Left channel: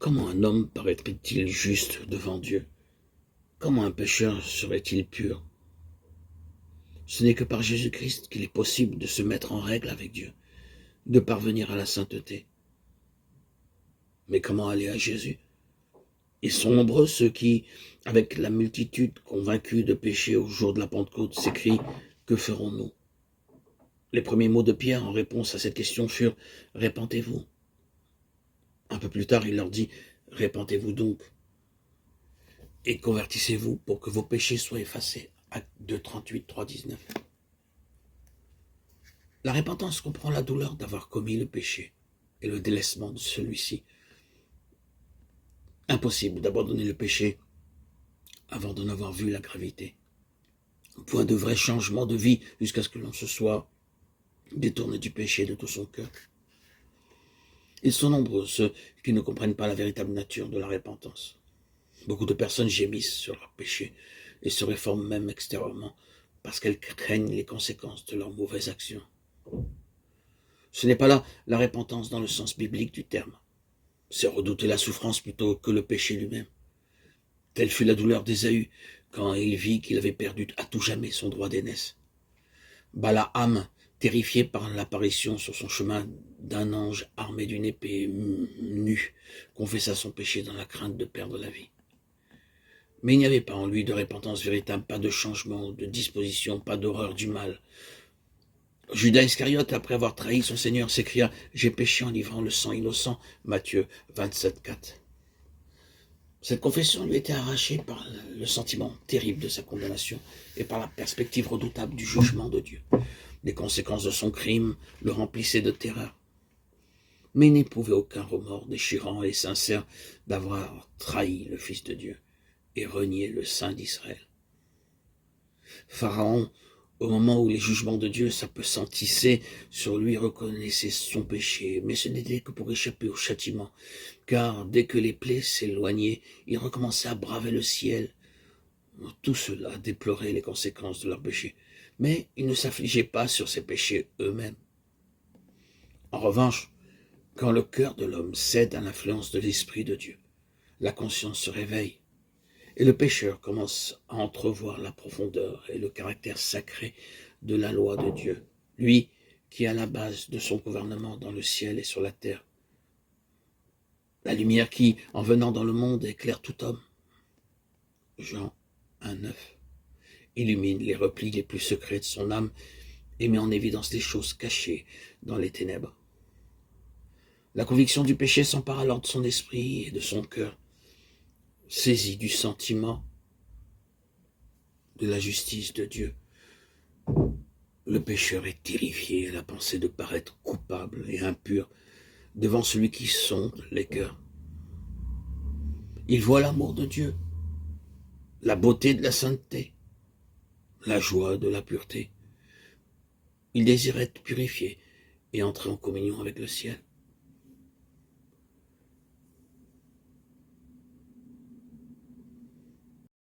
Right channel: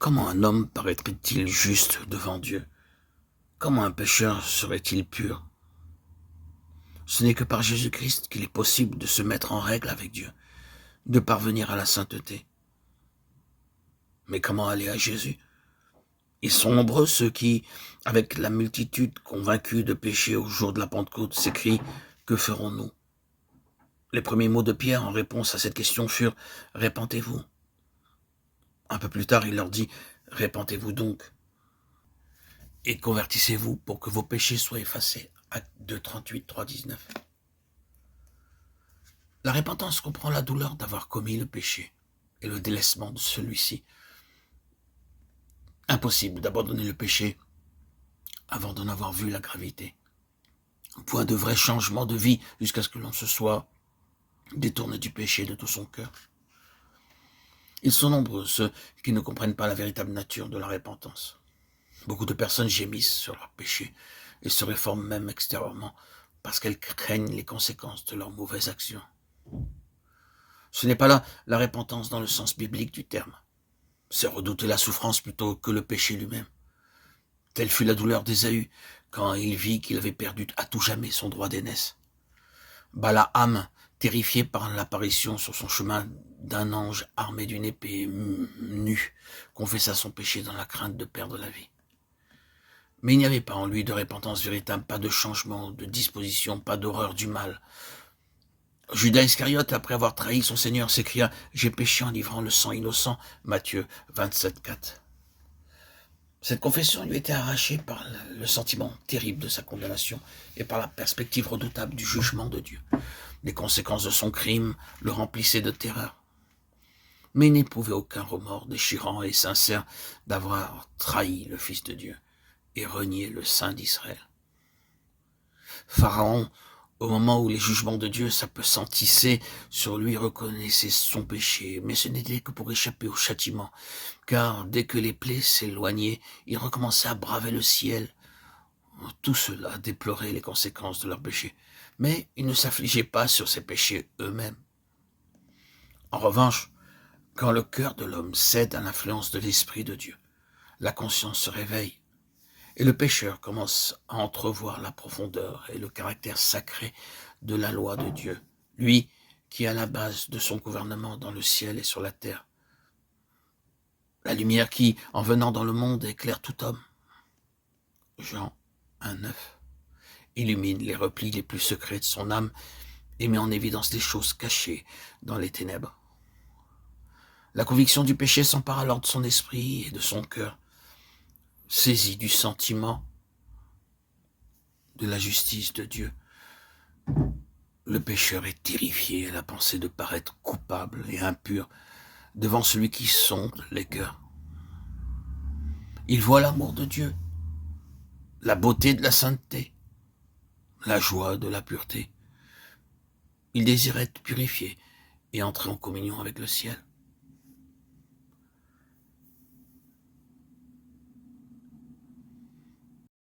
Comment un homme paraîtrait-il juste devant Dieu? Comment un pécheur serait-il pur? Ce n'est que par Jésus-Christ qu'il est possible de se mettre en règle avec Dieu, de parvenir à la sainteté. Mais comment aller à Jésus? Ils sont nombreux ceux qui, avec la multitude convaincue de péché au jour de la Pentecôte, s'écrient « Que ferons-nous » Les premiers mots de Pierre en réponse à cette question furent « Répentez-vous ». Un peu plus tard, il leur dit « Répentez-vous donc et convertissez-vous pour que vos péchés soient effacés ». Acte 2, 38, 3, 19. La repentance comprend la douleur d'avoir commis le péché et le délaissement de celui-ci. Impossible d'abandonner le péché avant d'en avoir vu la gravité. Point de vrai changement de vie jusqu'à ce que l'on se soit détourné du péché de tout son cœur. Ils sont nombreux ceux qui ne comprennent pas la véritable nature de la repentance. Beaucoup de personnes gémissent sur leur péché et se réforment même extérieurement parce qu'elles craignent les conséquences de leurs mauvaises actions. Ce n'est pas là la repentance dans le sens biblique du terme. C'est redouter la souffrance plutôt que le péché lui-même. Telle fut la douleur d'Ésaü quand il vit qu'il avait perdu à tout jamais son droit d'aînesse. Balaam, terrifié par l'apparition sur son chemin d'un ange armé d'une épée nue, confessa son péché dans la crainte de perdre la vie. Mais il n'y avait pas en lui de repentance véritable, pas de changement de disposition, pas d'horreur du mal. Judas Iscariote, après avoir trahi son Seigneur, s'écria « J'ai péché en livrant le sang innocent » Matthieu 27, 4. Cette confession lui était arrachée par le sentiment terrible de sa condamnation et par la perspective redoutable du jugement de Dieu. Les conséquences de son crime le remplissaient de terreur. Mais il n'éprouvait aucun remords déchirant et sincère d'avoir trahi le Fils de Dieu et renié le Saint d'Israël. Pharaon, au moment où les jugements de Dieu s'appesantissaient sur lui, reconnaissait son péché, mais ce n'était que pour échapper au châtiment, car dès que les plaies s'éloignaient, il recommençait à braver le ciel. Tout cela déplorait les conséquences de leur péché, mais ils ne s'affligeaient pas sur ces péchés eux-mêmes. En revanche, quand le cœur de l'homme cède à l'influence de l'Esprit de Dieu, la conscience se réveille, et le pécheur commence à entrevoir la profondeur et le caractère sacré de la loi de Dieu, lui qui est à la base de son gouvernement dans le ciel et sur la terre. La lumière qui, en venant dans le monde, éclaire tout homme. Jean 1,9 illumine les replis les plus secrets de son âme et met en évidence les choses cachées dans les ténèbres. La conviction du péché s'empare alors de son esprit et de son cœur, saisi du sentiment de la justice de Dieu. Le pécheur est terrifié à la pensée de paraître coupable et impur devant celui qui sonde les cœurs. Il voit l'amour de Dieu, la beauté de la sainteté, la joie de la pureté. Il désire être purifié et entrer en communion avec le ciel.